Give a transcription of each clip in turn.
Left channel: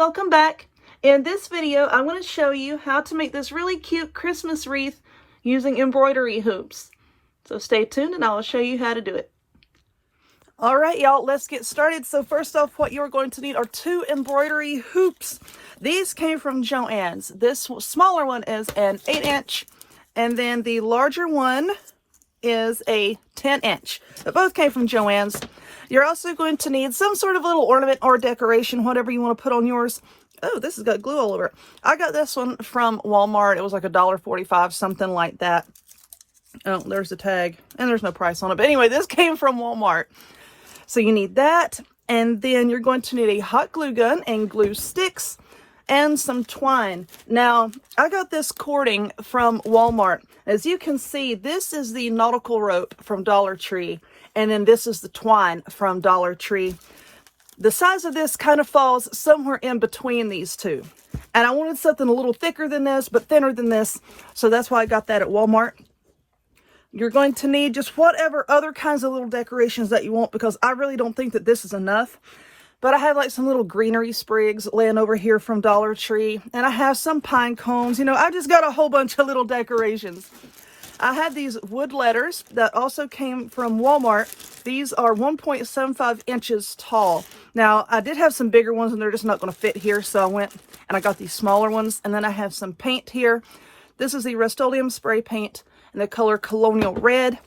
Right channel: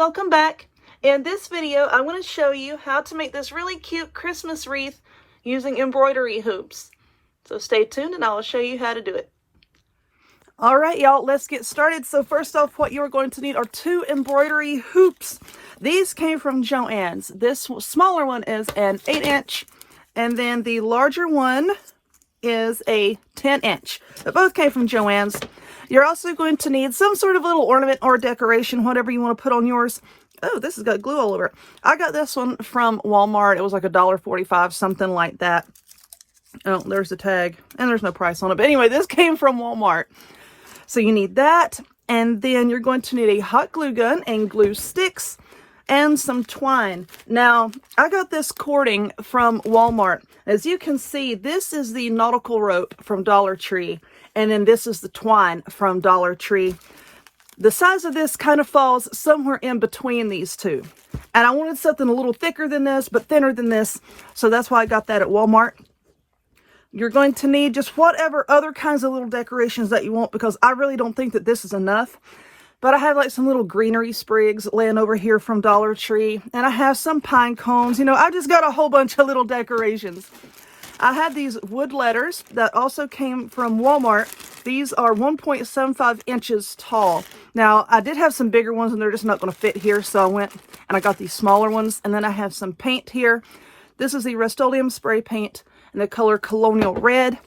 welcome back. In this video, I'm going to show you how to make this really cute Christmas wreath using embroidery hoops. So stay tuned and I'll show you how to do it. All right, y'all, let's get started. So first off, what you're going to need are 2 embroidery hoops. These came from Joann's. This smaller one is an 8-inch, and then the larger one is a 10-inch. But both came from Joann's. You're also going to need some sort of little ornament or decoration, whatever you want to put on yours. Oh, this has got glue all over it. I got this one from Walmart. It was like $1.45, something like that. Oh, there's the tag, and there's no price on it. But anyway, this came from Walmart. So you need that, and then you're going to need a hot glue gun and glue sticks and some twine. Now, I got this cording from Walmart. As you can see, this is the nautical rope from Dollar Tree, and then this is the twine from Dollar Tree. The size of this kind of falls somewhere in between these two. And I wanted something a little thicker than this, but thinner than this, so that's why I got that at Walmart. You're going to need just whatever other kinds of little decorations that you want, because I really don't think that this is enough. But I have like some little greenery sprigs laying over here from Dollar Tree, and I have some pine cones. You know, I just got a whole bunch of little decorations. I had these wood letters that also came from Walmart. These are 1.75 inches tall. Now, I did have some bigger ones, and they're just not going to fit here, so I went and I got these smaller ones. And then I have some paint here. This is the Rust-Oleum spray paint in the color Colonial Red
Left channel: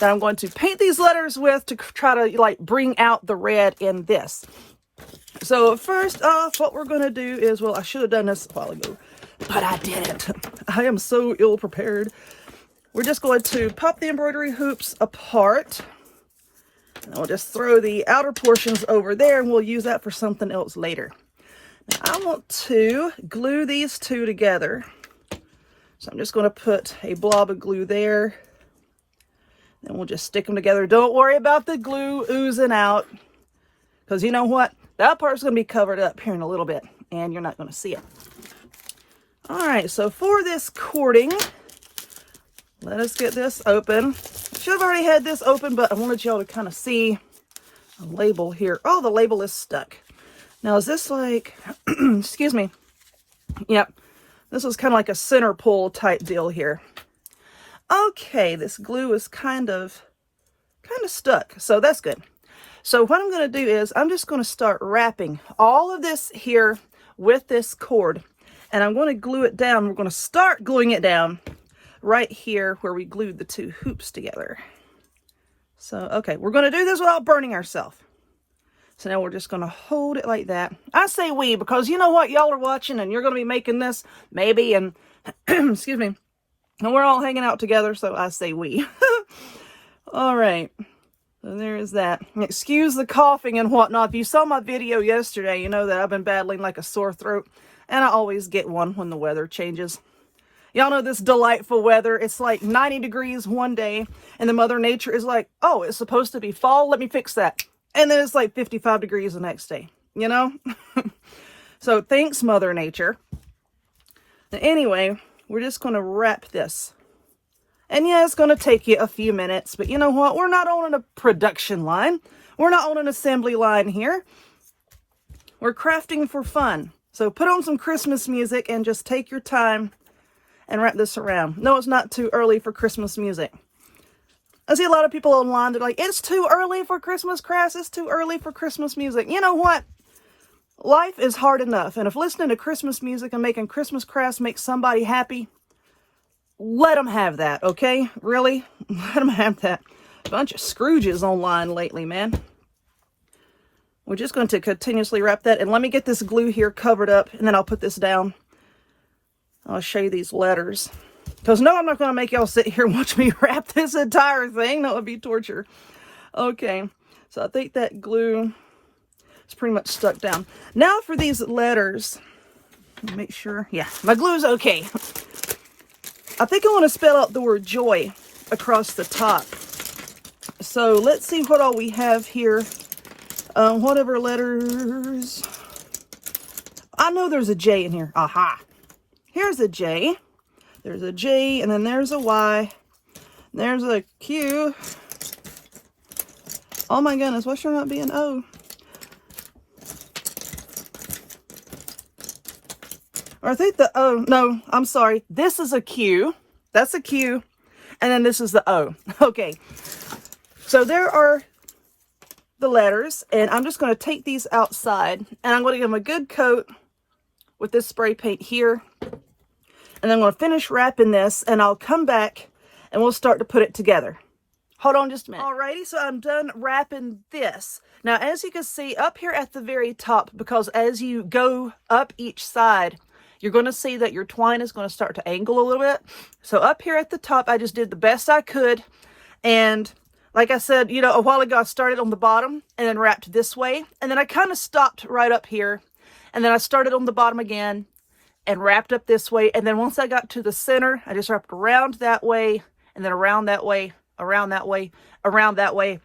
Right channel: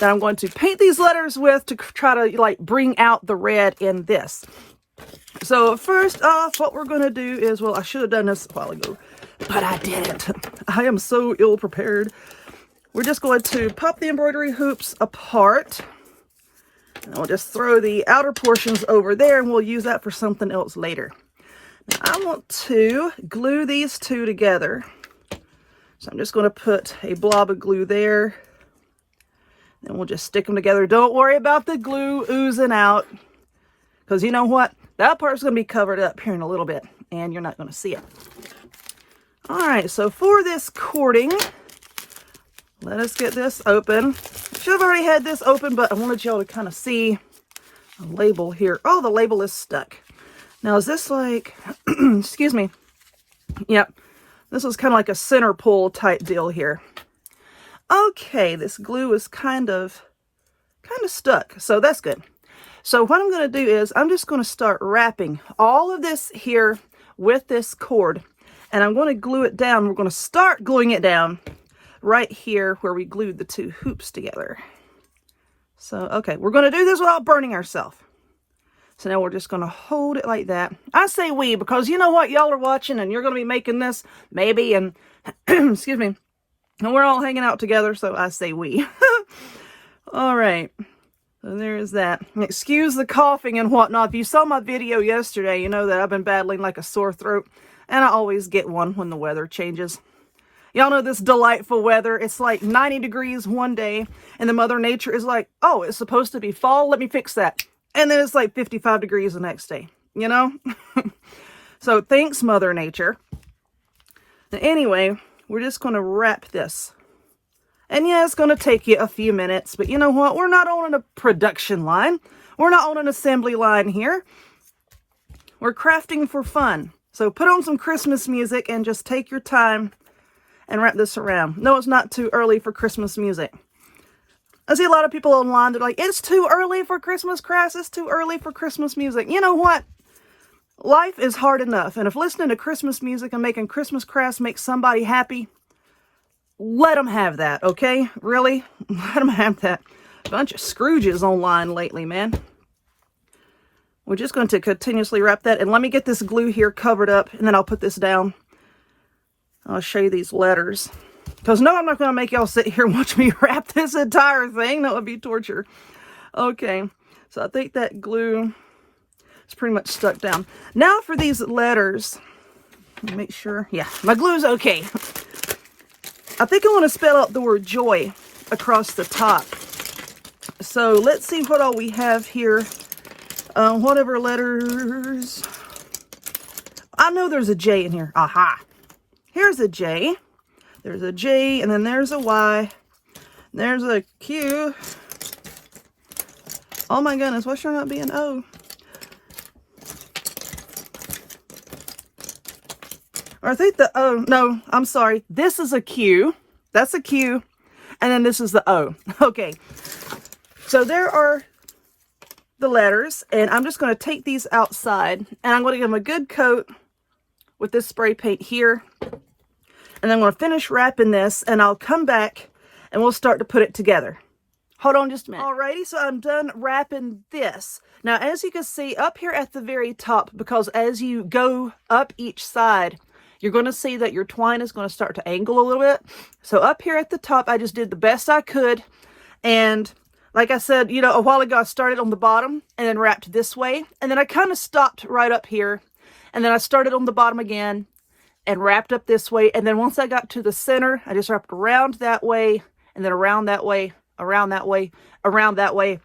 that I'm going to paint these letters with to try to like bring out the red in this. So first off, what we're going to do is, well, I should have done this a while ago, but I didn't. I am so ill prepared. We're just going to pop the embroidery hoops apart. And we'll just throw the outer portions over there, and we'll use that for something else later. Now, I want to glue these two together. So I'm just going to put a blob of glue there. And we'll just stick them together. Don't worry about the glue oozing out, because you know what? That part's going to be covered up here in a little bit, and you're not going to see it. All right, so for this cording, let us get this open. I've already had this open, but I wanted y'all to kind of see the label here. Oh, the label is stuck. Now, is this like, excuse me. Yep, this was kind of like a center pull type deal here. Okay, this glue is kind of stuck, so that's good. So what I'm going to do is I'm just going to start wrapping all of this here with this cord, and I'm going to glue it down. We're going to start gluing it down right here where we glued the 2 hoops together. So, okay, we're going to do this without burning ourselves. So now we're just going to hold it like that. I say we because you know what? Y'all are watching and you're going to be making this maybe, and excuse me, and we're all hanging out together, so I say we. All right. So there's that. And excuse the coughing and whatnot. If you saw my video yesterday, you know that I've been battling like a sore throat, and I always get one when the weather changes. Y'all know this delightful weather. It's like 90 degrees one day, and the Mother Nature is like, oh, it's supposed to be fall. Let me fix that. And then it's like 55 degrees the next day, you know? So thanks, Mother Nature. But anyway, we're just going to wrap this. And yeah, it's going to take you a few minutes, but you know what? We're not on a production line. We're not on an assembly line here. We're crafting for fun. So put on some Christmas music and just take your time and wrap this around. No, it's not too early for Christmas music. I see a lot of people online that are like, it's too early for Christmas crafts. It's too early for Christmas music. You know what? Life is hard enough. And if listening to Christmas music and making Christmas crafts makes somebody happy, let them have that, okay? Really? Let them have that. Bunch of Scrooges online lately, man. We're just going to continuously wrap that. And let me get this glue here covered up, and then I'll put this down. I'll show you these letters. Because no, I'm not going to make y'all sit here and watch me wrap this entire thing. That would be torture. Okay, so I think that glue is pretty much stuck down. Now for these letters, make sure, yeah, my glue's okay. I think I want to spell out the word joy across the top. So let's see what all we have here. Whatever letters. I know there's a J in here. Aha. Here's a J. There's a J, and then there's a Y. There's a Q. Oh my goodness, what's trying not to be an O? I think the O, no, I'm sorry. This is a Q. That's a Q. And then this is the O. Okay. So there are the letters. And I'm just going to take these outside. And I'm going to give them a good coat with this spray paint here. And I'm going to finish wrapping this. And I'll come back and we'll start to put it together. Hold on just a minute. Alrighty, so I'm done wrapping this. Now, as you can see up here at the very top, because as you go up each side, you're going to see that your twine is going to start to angle a little bit. So up here at the top, I just did the best I could. And like I said, you know, a while ago, I started on the bottom and then wrapped this way. And then I kind of stopped right up here. And then I started on the bottom again and wrapped up this way. And then once I got to the center, I just wrapped around that way and then around that way, around that way, around that way.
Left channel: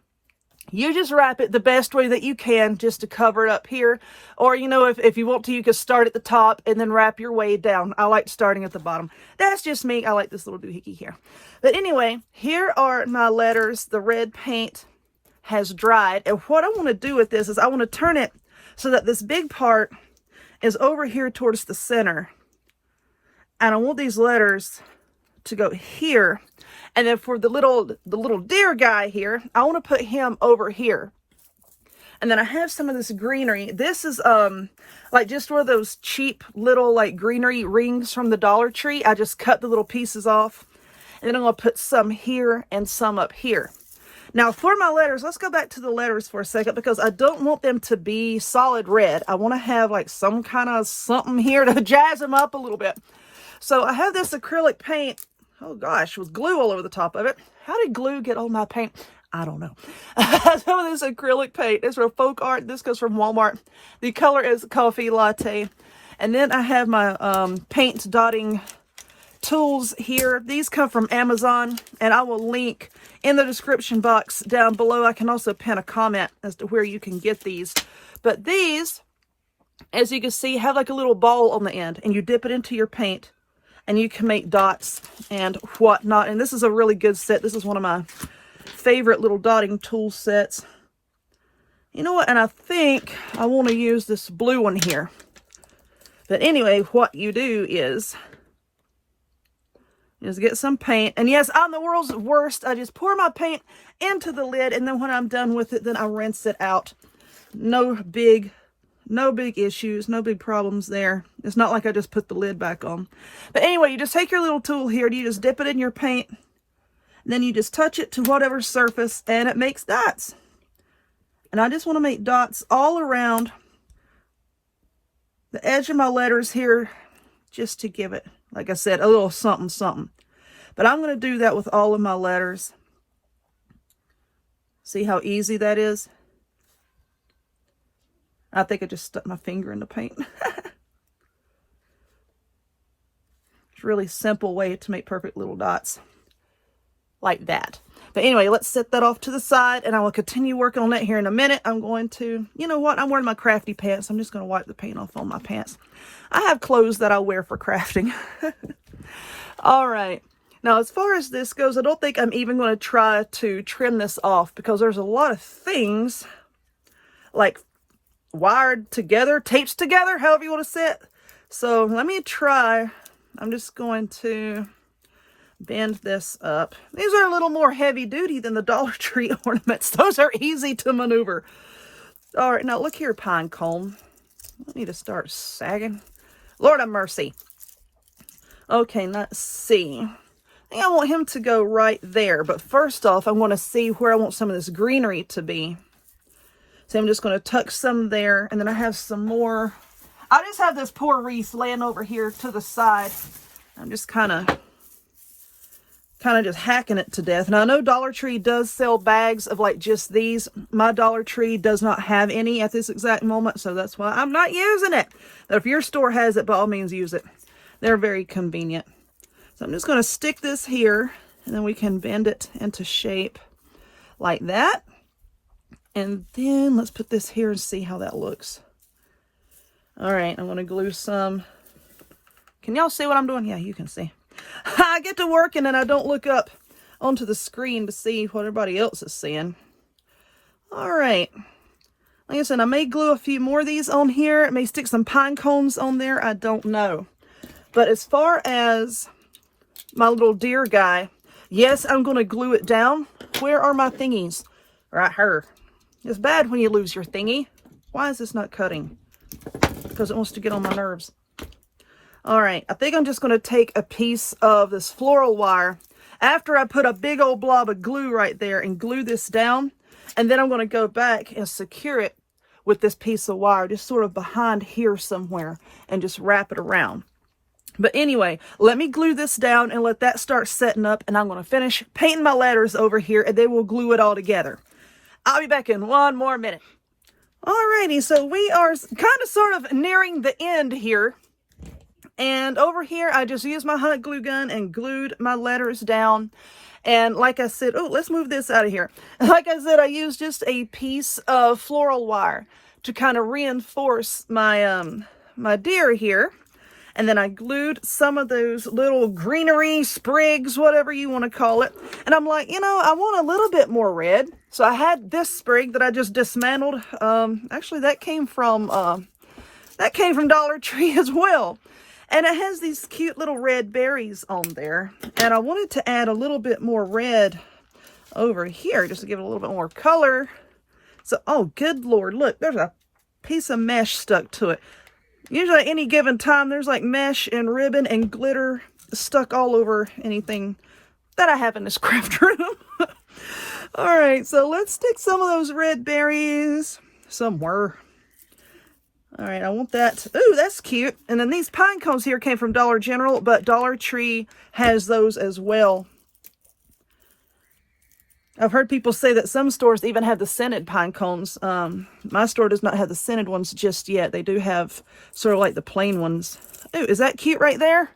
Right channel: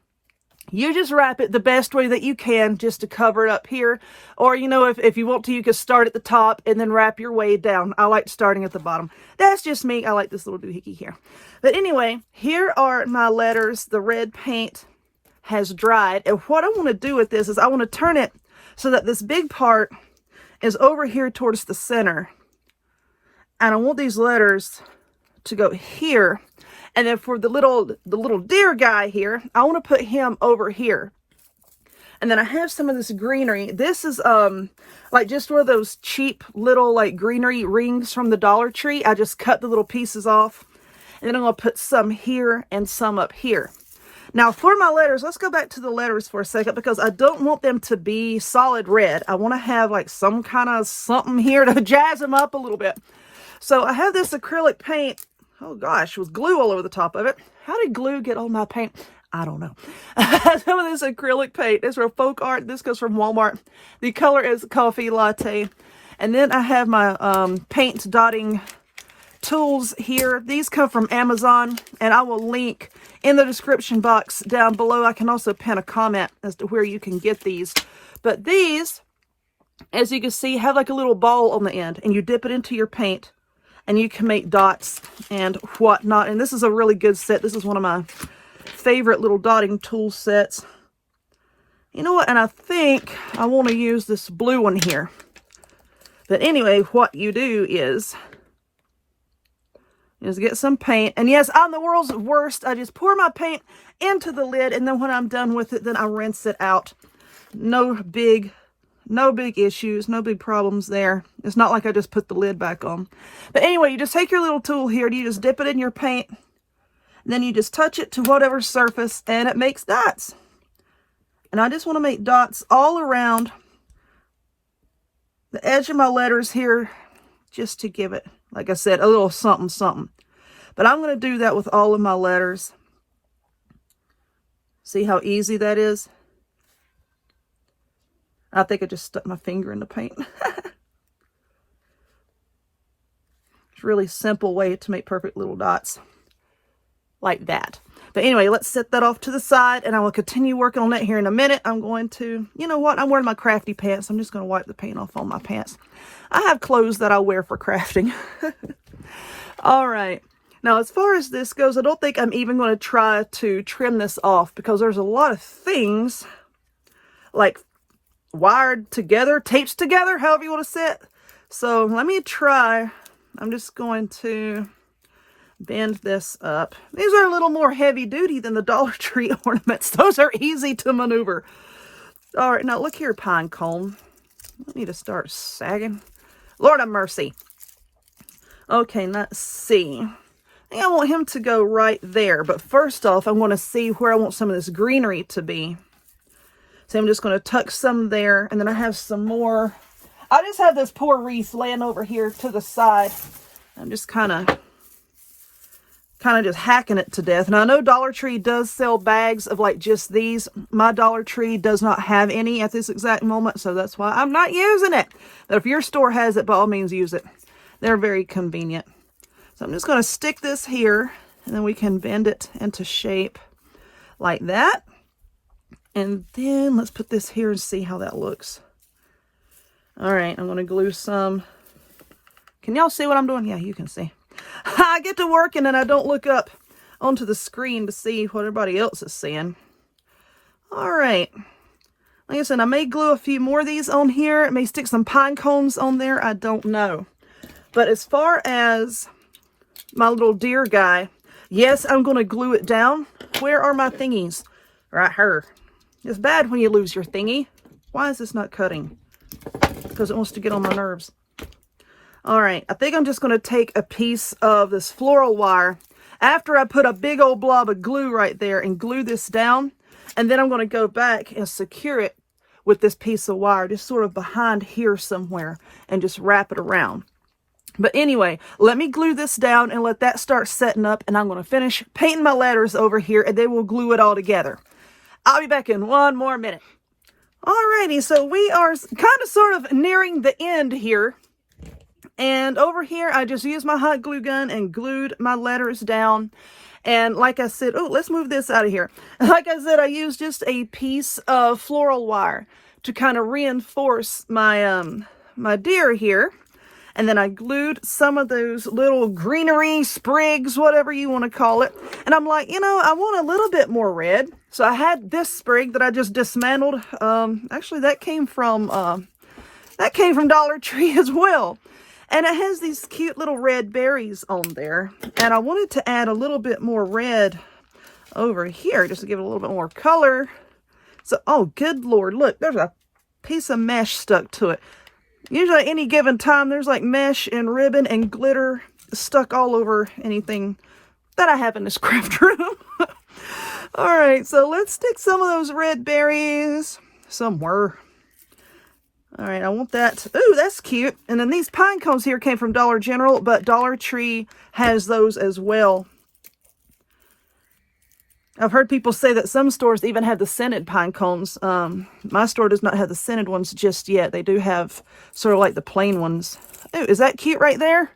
You just wrap it the best way that you can just to cover it up here. Or, you know, if you want to, you can start at the top and then wrap your way down. I like starting at the bottom. That's just me. I like this little doohickey here. But anyway, here are my letters. The red paint has dried. And what I want to do with this is I want to turn it so that this big part is over here towards the center. And I want these letters to go here. And then for the little deer guy here, I want to put him over here. And then I have some of this greenery. This is like just one of those cheap little like greenery rings from the Dollar Tree. I just cut the little pieces off. And then I'm going to put some here and some up here. Now for my letters, let's go back to the letters for a second because I don't want them to be solid red. I want to have like some kind of something here to jazz them up a little bit. So I have this acrylic paint. Oh gosh, with glue all over the top of it. How did glue get on my paint? I don't know. Some of this acrylic paint is from Folk Art. This goes from Walmart. The color is Coffee Latte. And then I have my paint dotting tools here. These come from Amazon, and I will link in the description box down below. I can also pin a comment as to where you can get these. But these, as you can see, have like a little ball on the end, and you dip it into your paint. And you can make dots and whatnot. And this is a really good set. This is one of my favorite little dotting tool sets. You know what? And I think I want to use this blue one here. But anyway, what you do is get some paint. And yes, I'm the world's worst. I just pour my paint into the lid. And then when I'm done with it, then I rinse it out. No big issues, no big problems there. It's not like I just put the lid back on. But anyway, you just take your little tool here, and you just dip it in your paint. And then you just touch it to whatever surface, and it makes dots. And I just want to make dots all around the edge of my letters here, just to give it, like I said, a little something, something. But I'm going to do that with all of my letters. See how easy that is? I think I just stuck my finger in the paint. It's a really simple way to make perfect little dots like that. But anyway, let's set that off to the side, and I will continue working on that here in a minute. I'm going to, you know what? I'm wearing my crafty pants. I'm just going to wipe the paint off on my pants. I have clothes that I wear for crafting. All right. Now, as far as this goes, I don't think I'm even going to try to trim this off because there's a lot of things like wired together, taped together, however you want to say it. So let me try. I'm just going to bend this up. These are a little more heavy duty than the Dollar Tree ornaments. Those are easy to maneuver. All right, now look here, pine cone. I need to start sagging. Lord have mercy. Okay, let's see. I think I want him to go right there, but first off, I want to see where I want some of this greenery to be. So I'm just going to tuck some there, and then I have some more. I just have this poor wreath laying over here to the side. I'm just kind of just hacking it to death. Now, I know Dollar Tree does sell bags of like just these. My Dollar Tree does not have any at this exact moment, so that's why I'm not using it. But if your store has it, by all means, use it. They're very convenient. So I'm just going to stick this here, and then we can bend it into shape like that. And then let's put this here and see how that looks. All right, I'm going to glue some. Can y'all see what I'm doing? Yeah, you can see. I get to work and then I don't look up onto the screen to see what everybody else is seeing. All right. Like I said, I may glue a few more of these on here. I may stick some pine cones on there. I don't know. But as far as my little deer guy, yes, I'm going to glue it down. Where are my thingies? Right here. It's bad when you lose your thingy. Why is this not cutting? Because it wants to get on my nerves. All right, I think I'm just going to take a piece of this floral wire after I put a big old blob of glue right there and glue this down. And then I'm going to go back and secure it with this piece of wire, just sort of behind here somewhere, and just wrap it around. But anyway, let me glue this down and let that start setting up, and I'm going to finish painting my letters over here, and then we'll glue it all together. I'll be back in one more minute. Alrighty, so we are kind of sort of nearing the end here. And over here, I just used my hot glue gun and glued my letters down. And like I said, oh, let's move this out of here. Like I said, I used just a piece of floral wire to kind of reinforce my my deer here. And then I glued some of those little greenery sprigs, whatever you want to call it. And I'm like, you know, I want a little bit more red. So I had this sprig that I just dismantled. Actually, that came from Dollar Tree as well. And it has these cute little red berries on there. And I wanted to add a little bit more red over here just to give it a little bit more color. So, oh, good Lord, look, there's a piece of mesh stuck to it. Usually at any given time, there's like mesh and ribbon and glitter stuck all over anything that I have in this craft room. All right, so let's stick some of those red berries somewhere. All right, I want that. Ooh, that's cute. And then these pine cones here came from Dollar General, but Dollar Tree has those as well. I've heard people say that some stores even have the scented pine cones. My store does not have the scented ones just yet. They do have sort of like the plain ones. Ooh, is that cute right there?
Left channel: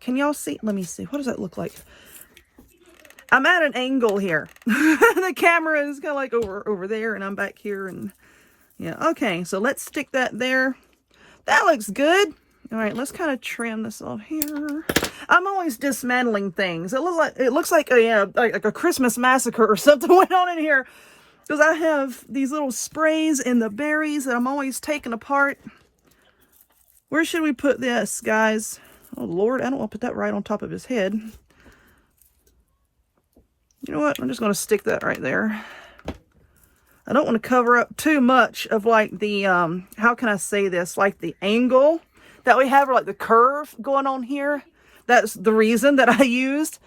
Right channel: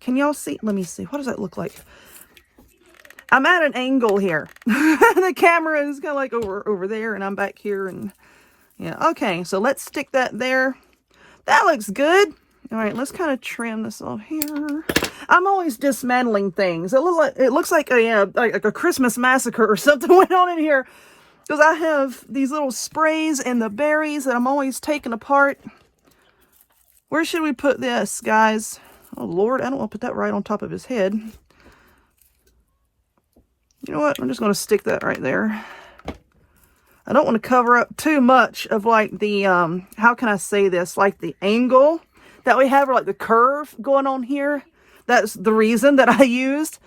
Can y'all see? Let me see. What does that look like? I'm at an angle here. The camera is kind of like over there, and I'm back here, and yeah, okay, so let's stick that there. That looks good. All right, let's kind of trim this off here. I'm always dismantling things. It looks like a Christmas massacre or something went on in here, because I have these little sprays and the berries that I'm always taking apart. Where should we put this, guys? Oh Lord, I don't want to put that right on top of his head. You know what? I'm just going to stick that right there. I don't want to cover up too much of like the, how can I say this? Like the angle that we have, or like the curve going on here. That's the reason that I used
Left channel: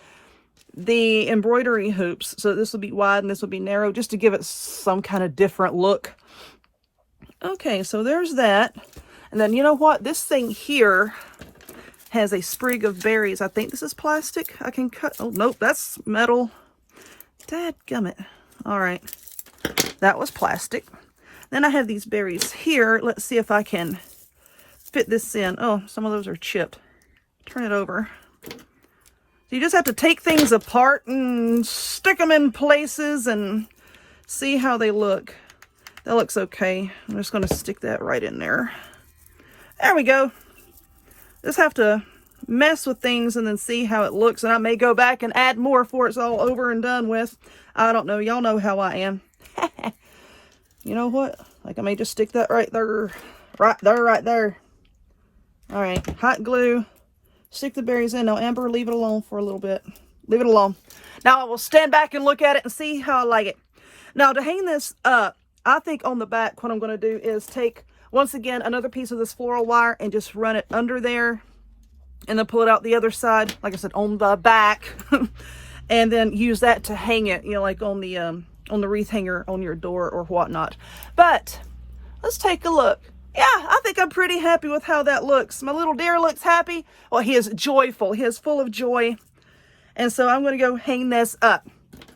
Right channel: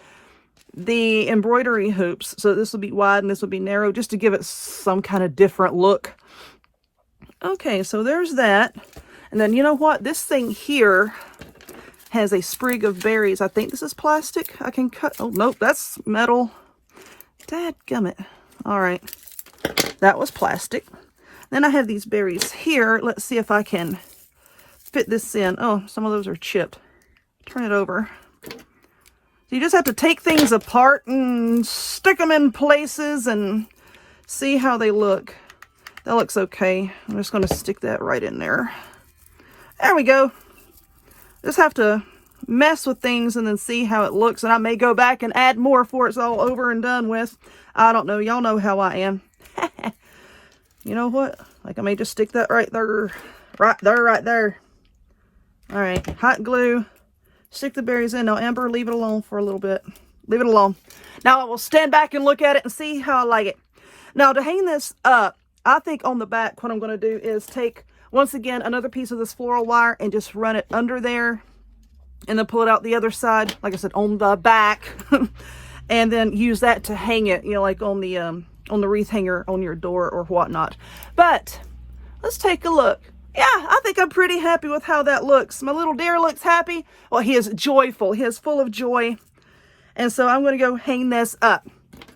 the embroidery hoops. So this will be wide and this will be narrow, just to give it some kind of different look. Okay, so there's that. And then you know what? This thing here has a sprig of berries. I think this is plastic. I can cut. Oh, nope, that's metal. Dadgummit. All right. That was plastic. Then I have these berries here. Let's see if I can fit this in. Oh, some of those are chipped. Turn it over. You just have to take things apart and stick them in places and see how they look. That looks okay. I'm just going to stick that right in there. There we go. Just have to mess with things and then see how it looks. And I may go back and add more before it's all over and done with. I don't know. Y'all know how I am. You know what? Like, I may just stick that right there. Right there. All right. Hot glue. Stick the berries in. Now, Amber, leave it alone for a little bit. Leave it alone. Now, I will stand back and look at it and see how I like it. Now, to hang this up, I think on the back, what I'm going to do is take, once again, another piece of this floral wire and just run it under there. And then pull it out the other side, like I said, on the back. And then use that to hang it, you know, like on the wreath hanger on your door or whatnot. But let's take a look. Yeah, I think I'm pretty happy with how that looks. My little deer looks happy. Well, he is joyful. He is full of joy. And so I'm going to go hang this up.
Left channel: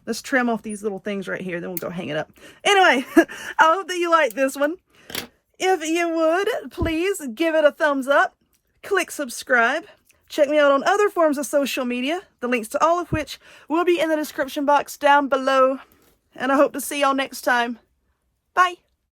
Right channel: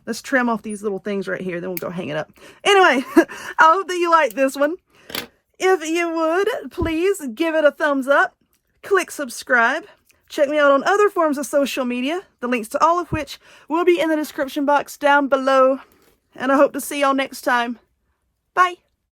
Let's trim off these little things right here. Then we'll go hang it up. Anyway, I hope that you like this one. If you would, please give it a thumbs up. Click subscribe. Check me out on other forms of social media, the links to all of which will be in the description box down below. And I hope to see y'all next time. Bye.